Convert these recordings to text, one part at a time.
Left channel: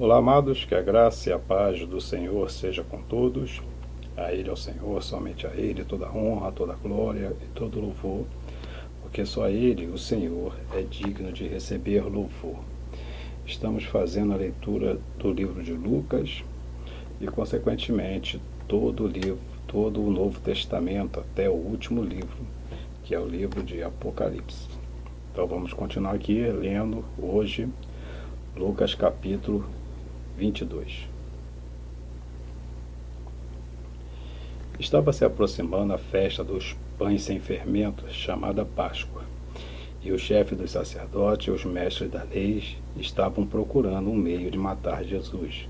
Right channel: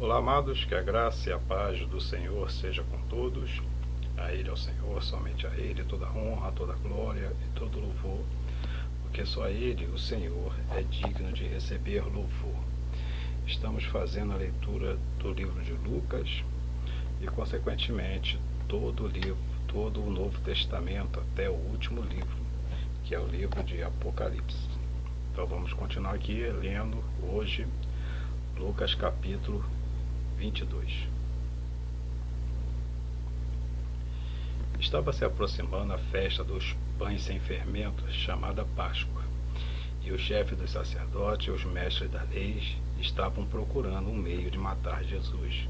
Olá, amados, que a graça e a paz do Senhor seja com todos. A Ele, ao Senhor, somente a Ele, toda honra, toda glória e todo louvor, porque só Ele, o Senhor, é digno de receber louvor. Estamos fazendo a leitura do livro de Lucas e, consequentemente, todo o livro, todo o Novo Testamento, até o último livro, que é o livro de Apocalipse. Então vamos continuar aqui lendo hoje Lucas capítulo 22. Estava se aproximando a festa dos pães sem fermento, chamada Páscoa, e o chefe dos sacerdotes e os mestres da lei estavam procurando um meio de matar Jesus,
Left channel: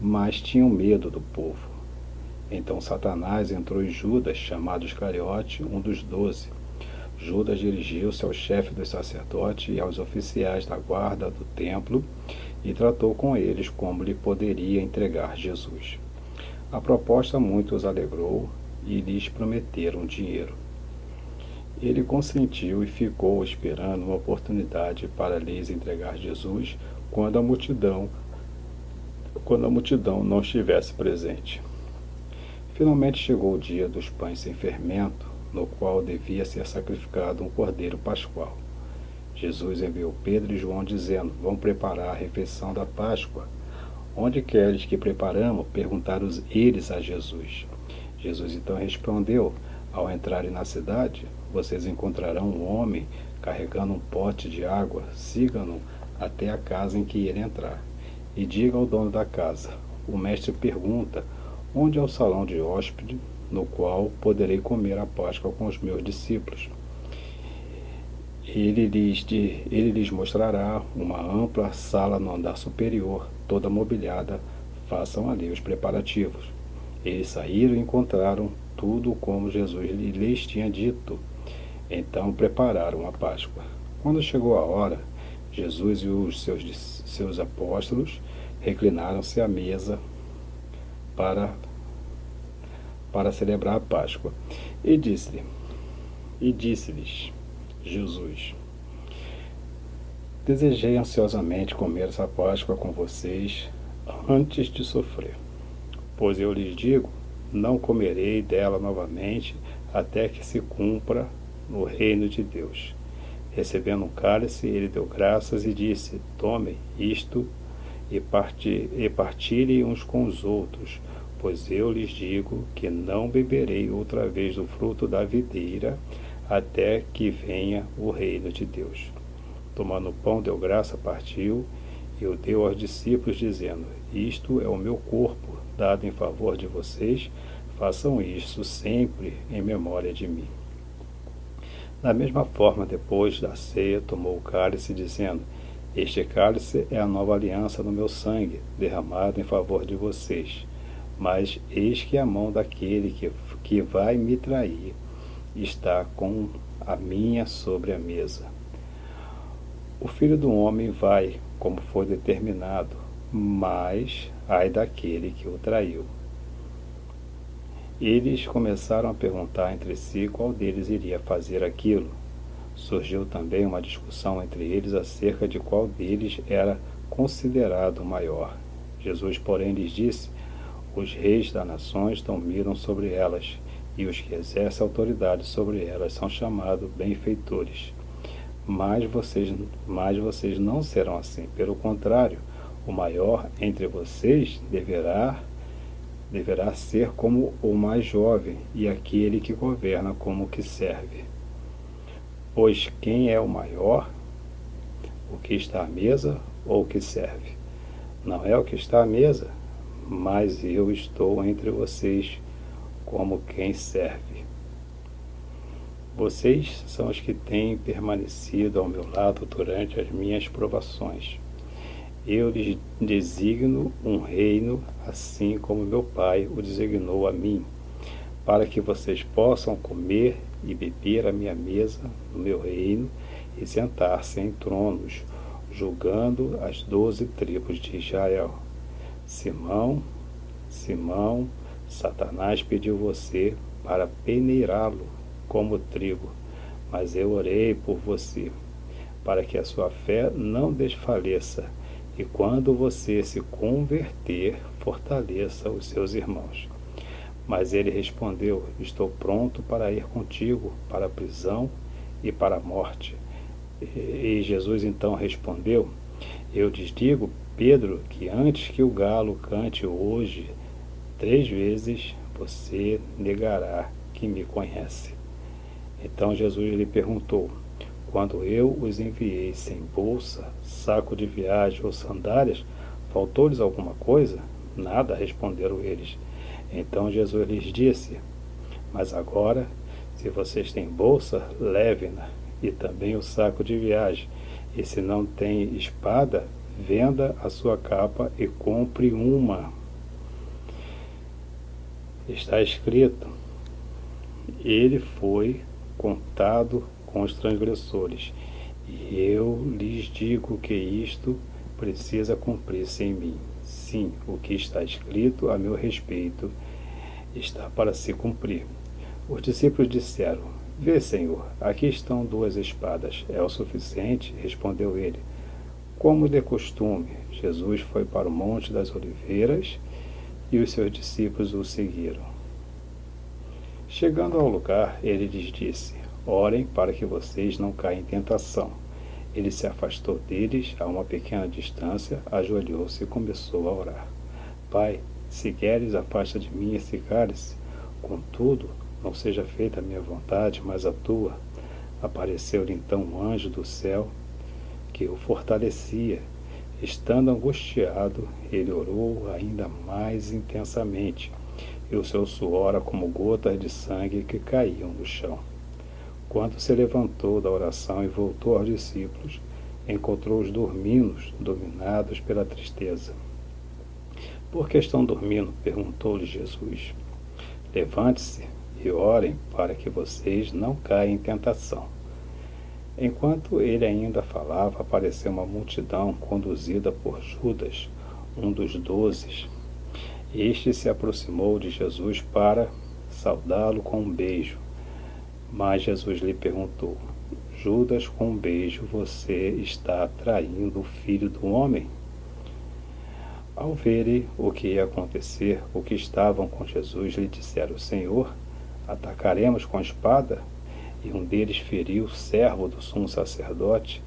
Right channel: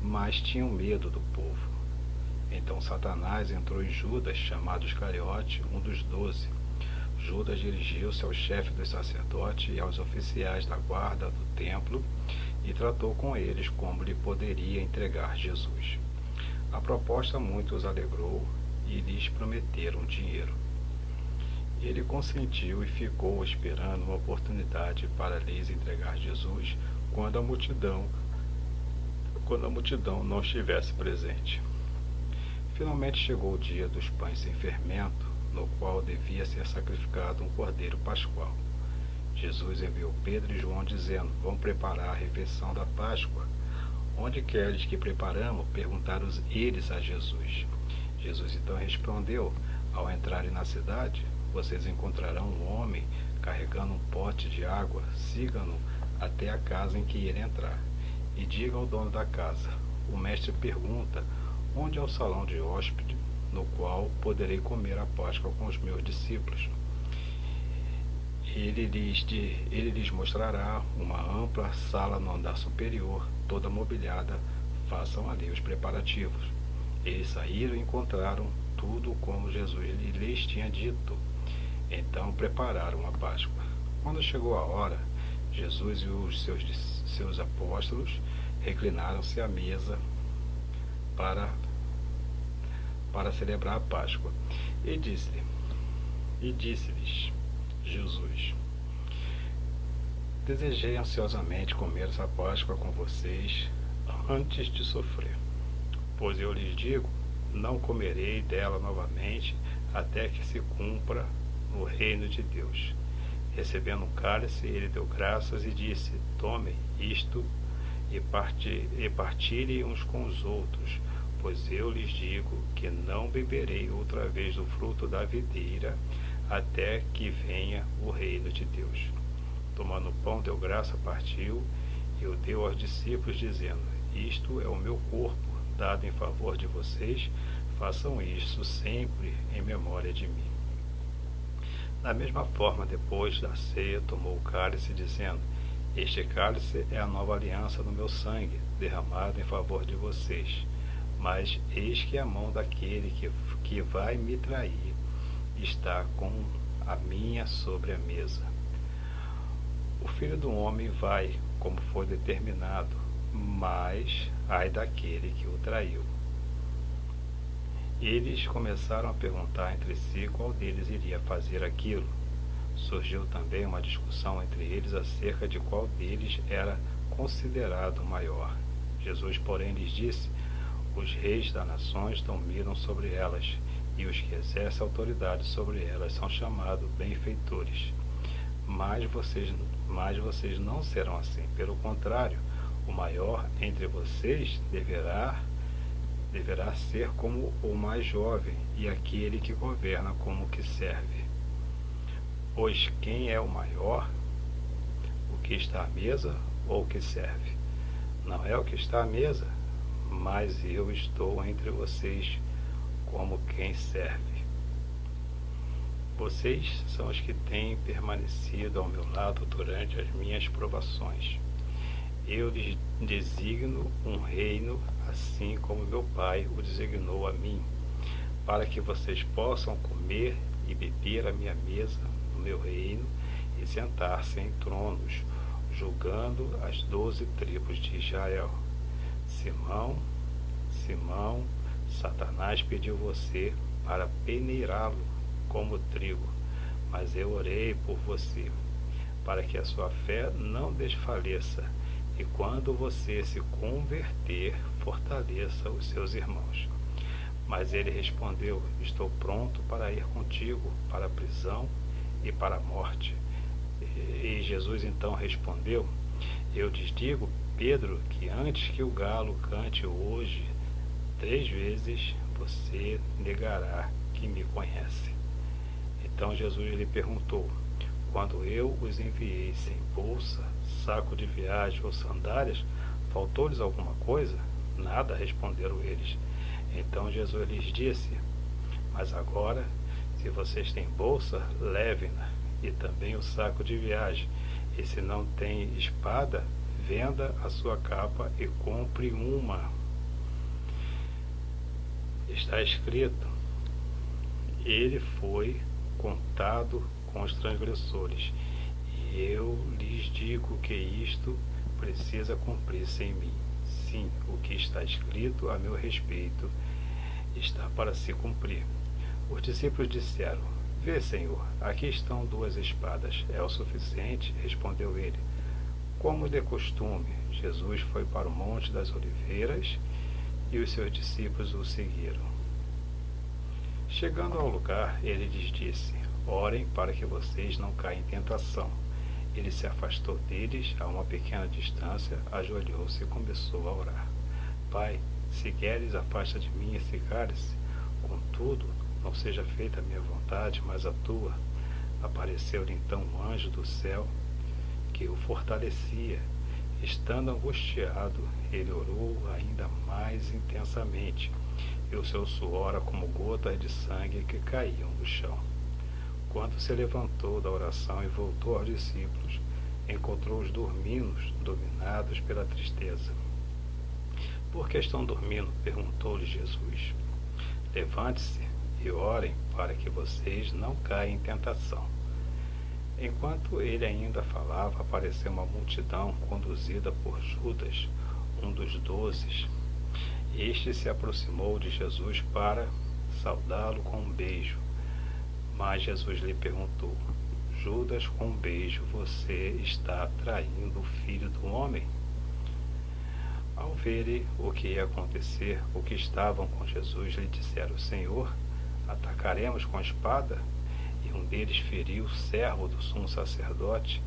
mas tinham medo do povo. Então Satanás entrou em Judas, chamado Iscariote, um dos 12. Judas dirigiu-se ao chefe dos sacerdotes e aos oficiais da guarda do templo e tratou com eles como lhe poderia entregar Jesus. A proposta muito os alegrou e lhes prometeram dinheiro. Ele consentiu e ficou esperando uma oportunidade para lhes entregar Jesus quando a multidão não estivesse presente. Finalmente chegou o dia dos pães sem fermento, no qual devia ser sacrificado um cordeiro pascual. Jesus enviou Pedro e João dizendo: vão preparar a refeição da Páscoa. Onde queres que preparamos? Perguntaram eles a Jesus. Jesus então respondeu: ao entrarem na cidade, vocês encontrarão um homem carregando um pote de água. Sigam-no até a casa em que ele entrar. E digam ao dono da casa: o mestre pergunta, onde é o salão de hóspede, no qual poderei comer a Páscoa com os meus discípulos? Ele lhes mostrará uma ampla sala no andar superior, toda mobiliada. Façam ali os preparativos. Eles saíram e encontraram tudo como Jesus lhes tinha dito. Então prepararam a Páscoa. Quando chegou a hora, Jesus e os seus apóstolos reclinaram-se à mesa para celebrar a Páscoa. E disse-lhes Jesus: desejei ansiosamente comer essa Páscoa com vocês antes de sofrer. Pois eu lhes digo, não comerei dela novamente até que se cumpra no reino de Deus. Recebendo um cálice, ele deu graças e disse: tomem isto e partilhem uns com os outros, pois eu lhes digo que não beberei outra vez do fruto da videira até que venha o reino de Deus. Tomando o pão, deu graça, partiu e o deu aos discípulos, dizendo: isto é o meu corpo, dado em favor de vocês, façam isso sempre em memória de mim. Da mesma forma, depois da ceia, tomou o cálice, dizendo: este cálice é a nova aliança no meu sangue, derramado em favor de vocês. Mas eis que a mão daquele que vai me trair está com a minha sobre a mesa. O Filho do Homem vai, como foi determinado, mas ai daquele que o traiu. Eles começaram a perguntar entre si qual deles iria fazer aquilo. Surgiu também uma discussão entre eles acerca de qual deles era considerado maior. Jesus, porém, lhes disse: os reis das nações dominam sobre elas, e os que exercem autoridade sobre elas são chamados benfeitores. Mas vocês não serão assim. Pelo contrário, o maior entre vocês deverá ser como o mais jovem, e aquele que governa como o que serve. Pois quem é o maior? O que está à mesa ou o que serve? Não é o que está à mesa, mas eu estou entre vocês como quem serve. Vocês são os que têm permanecido ao meu lado durante as minhas provações. Eu lhes designo um reino, assim como meu Pai o designou a mim, para que vocês possam comer e beber à minha mesa no meu reino e sentar-se em tronos, julgando as 12 tribos de Israel. Simão, Satanás pediu você para peneirá-lo como trigo, mas eu orei por você, para que a sua fé não desfaleça, e quando você se converter, fortaleça os seus irmãos. Mas ele respondeu: estou pronto para ir contigo para a prisão e para a morte. E Jesus então respondeu: eu lhes digo, Pedro, que antes que o galo cante hoje 3 vezes, você negará que me conhece. Então Jesus lhe perguntou: quando eu os enviei sem bolsa, saco de viagem ou sandálias, faltou-lhes alguma coisa? Nada, responderam eles. Então Jesus lhes disse: mas agora, se vocês têm bolsa, levem-na, e também o saco de viagem. E se não tem espada, venda a sua capa e compre uma. Está escrito: ele foi contado com os transgressores. E eu lhes digo que isto precisa cumprir-se em mim. Sim, o que está escrito a meu respeito está para se cumprir. Os discípulos disseram: vê, Senhor, aqui estão 2 espadas. É o suficiente? Respondeu ele. Como de costume, Jesus foi para o Monte das Oliveiras e os seus discípulos o seguiram. Chegando ao lugar, ele lhes disse: orem para que vocês não caiam em tentação. Ele se afastou deles a uma pequena distância, ajoelhou-se e começou a orar. Pai, se queres, afasta de mim esse cálice. Contudo, não seja feita a minha vontade, mas a tua. Apareceu-lhe então um anjo do céu que o fortalecia. Estando angustiado, ele orou ainda mais intensamente, e o seu suor era como gotas de sangue que caíam no chão. Quando se levantou da oração e voltou aos discípulos, encontrou-os dormindo, dominados pela tristeza. Por que estão dormindo? Perguntou-lhe Jesus. Levante-se e orem para que vocês não caiam em tentação. Enquanto ele ainda falava, apareceu uma multidão conduzida por Judas, um dos 12. Este se aproximou de Jesus para saudá-lo com um beijo. Mas Jesus lhe perguntou: Judas, com um beijo você está traindo o Filho do Homem? Ao verem o que ia acontecer, os que estavam com Jesus lhe disseram: Senhor, atacaremos com a espada? E um deles feriu o servo do sumo sacerdote,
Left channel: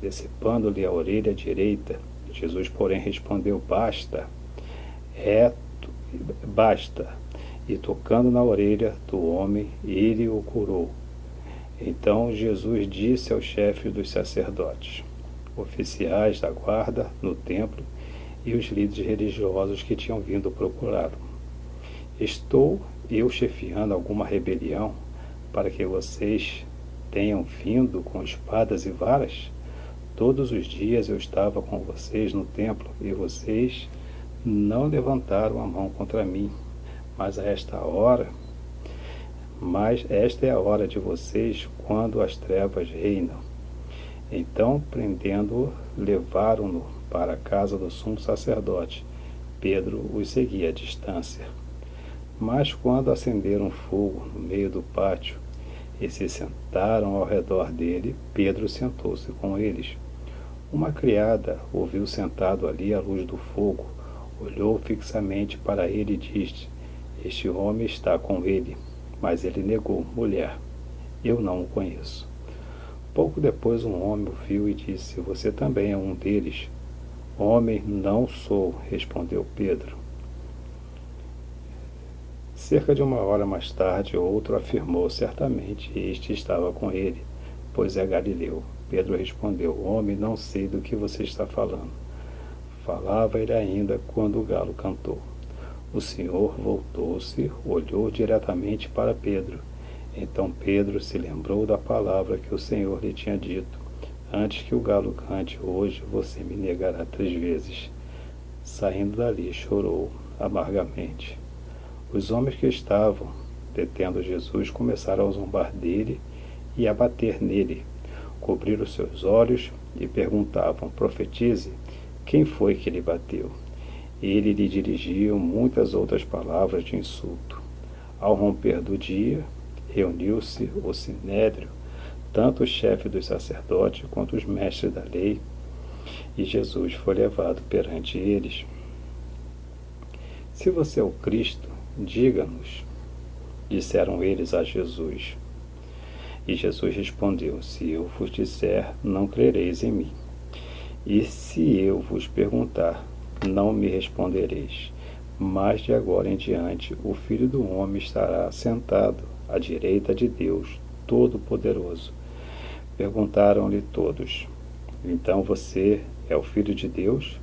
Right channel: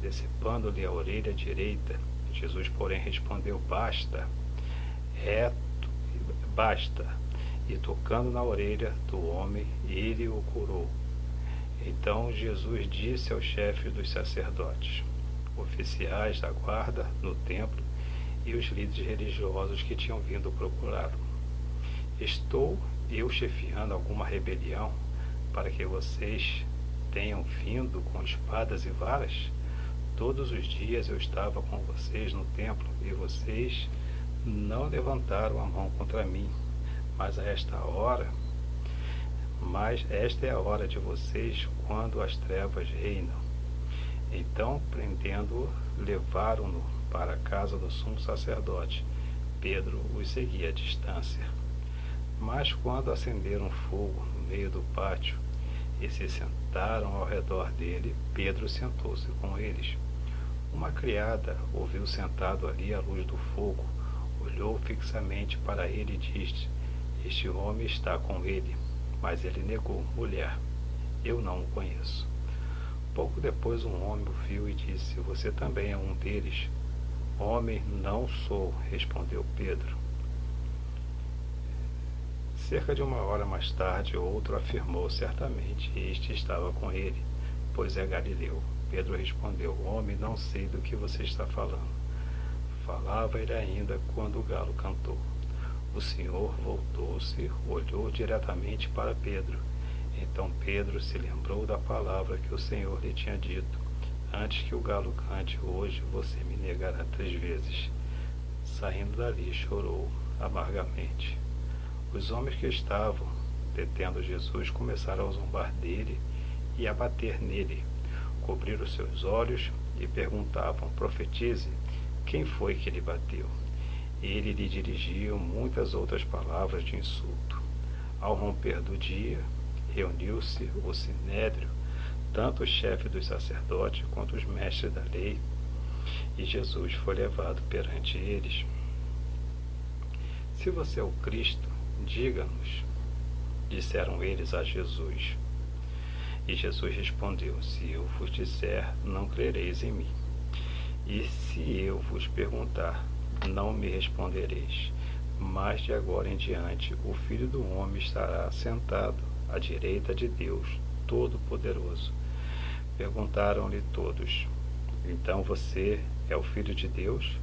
decepando-lhe a orelha direita. Jesus, porém, respondeu: basta. Basta. E tocando na orelha do homem, ele o curou. Então Jesus disse aos chefes dos sacerdotes, oficiais da guarda no templo e os líderes religiosos que tinham vindo procurá-lo: estou eu chefiando alguma rebelião para que vocês tenham vindo com espadas e varas? Todos os dias eu estava com vocês no templo e vocês não levantaram a mão contra mim. Mas esta é a hora de vocês, quando as trevas reinam. Então, prendendo-o, levaram-no para a casa do sumo sacerdote. Pedro os seguia à distância. Mas quando acenderam fogo no meio do pátio e se sentaram ao redor dele, Pedro sentou-se com eles. Uma criada o viu sentado ali à luz do fogo, olhou fixamente para ele e disse: este homem está com ele. Mas ele negou: mulher, eu não o conheço. Pouco depois um homem o viu e disse: você também é um deles. Homem, não sou, respondeu Pedro. Cerca de 1 hora mais tarde, outro afirmou: certamente este estava com ele, pois é galileu. Pedro respondeu: homem, não sei do que você está falando. Falava ele ainda quando o galo cantou. O Senhor voltou-se, olhou diretamente para Pedro. Então Pedro se lembrou da palavra que o Senhor lhe tinha dito: antes que o galo cante hoje, você me negará 3 vezes. Saindo dali, chorou amargamente. Os homens que estavam detendo Jesus começaram a zombar dele e a bater nele. Cobriram seus olhos e perguntavam: profetize, quem foi que lhe bateu? Ele lhe dirigia muitas outras palavras de insulto. Ao romper do dia, reuniu-se o sinédrio, tanto o chefe dos sacerdotes quanto os mestres da lei, E Jesus foi levado perante eles. Se você é o Cristo, diga-nos, disseram eles a Jesus. E Jesus respondeu: se eu vos disser, não crereis em mim. E se eu vos perguntar, não me respondereis. Mas de agora em diante o Filho do Homem estará sentado à direita de Deus Todo-Poderoso. Perguntaram-lhe todos: então você é o Filho de Deus?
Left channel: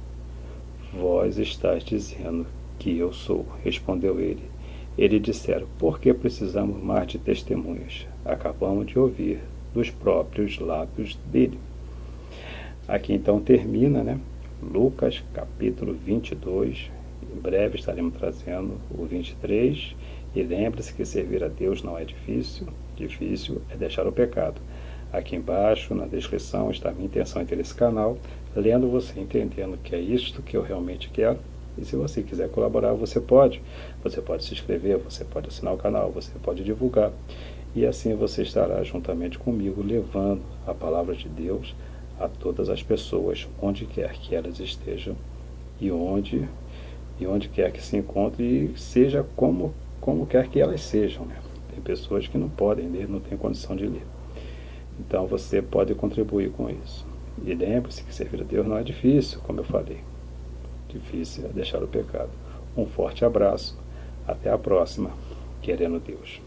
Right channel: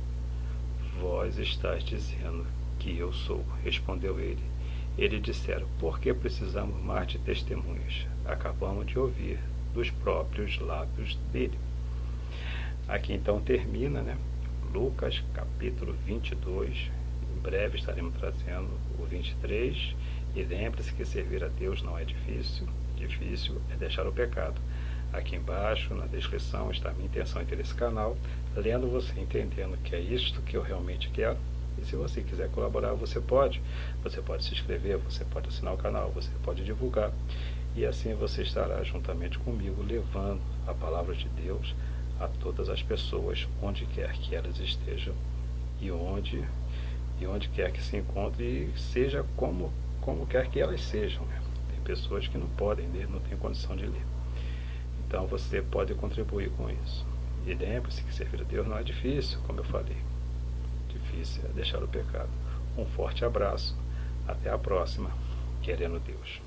Vós estáis dizendo que eu sou, respondeu ele. Eles disseram: por que precisamos mais de testemunhas? Acabamos de ouvir dos próprios lábios dele. Aqui então termina, Lucas capítulo 22. Em breve estaremos trazendo o 23. E lembre-se que servir a Deus não é difícil. Difícil é deixar o pecado. Aqui embaixo, na descrição, está a minha intenção em ter esse canal. Lendo você, entendendo que é isto que eu realmente quero. E se você quiser colaborar, você pode. Você pode se inscrever, você pode assinar o canal, você pode divulgar. E assim você estará juntamente comigo levando a palavra de Deus a todas as pessoas, onde quer que elas estejam e onde quer que se encontrem, e seja como quer que elas sejam. Tem pessoas que não podem ler, não têm condição de ler. Então você pode contribuir com isso. E lembre-se que servir a Deus não é difícil, como eu falei. Difícil é deixar o pecado. Um forte abraço. Até a próxima, querendo Deus.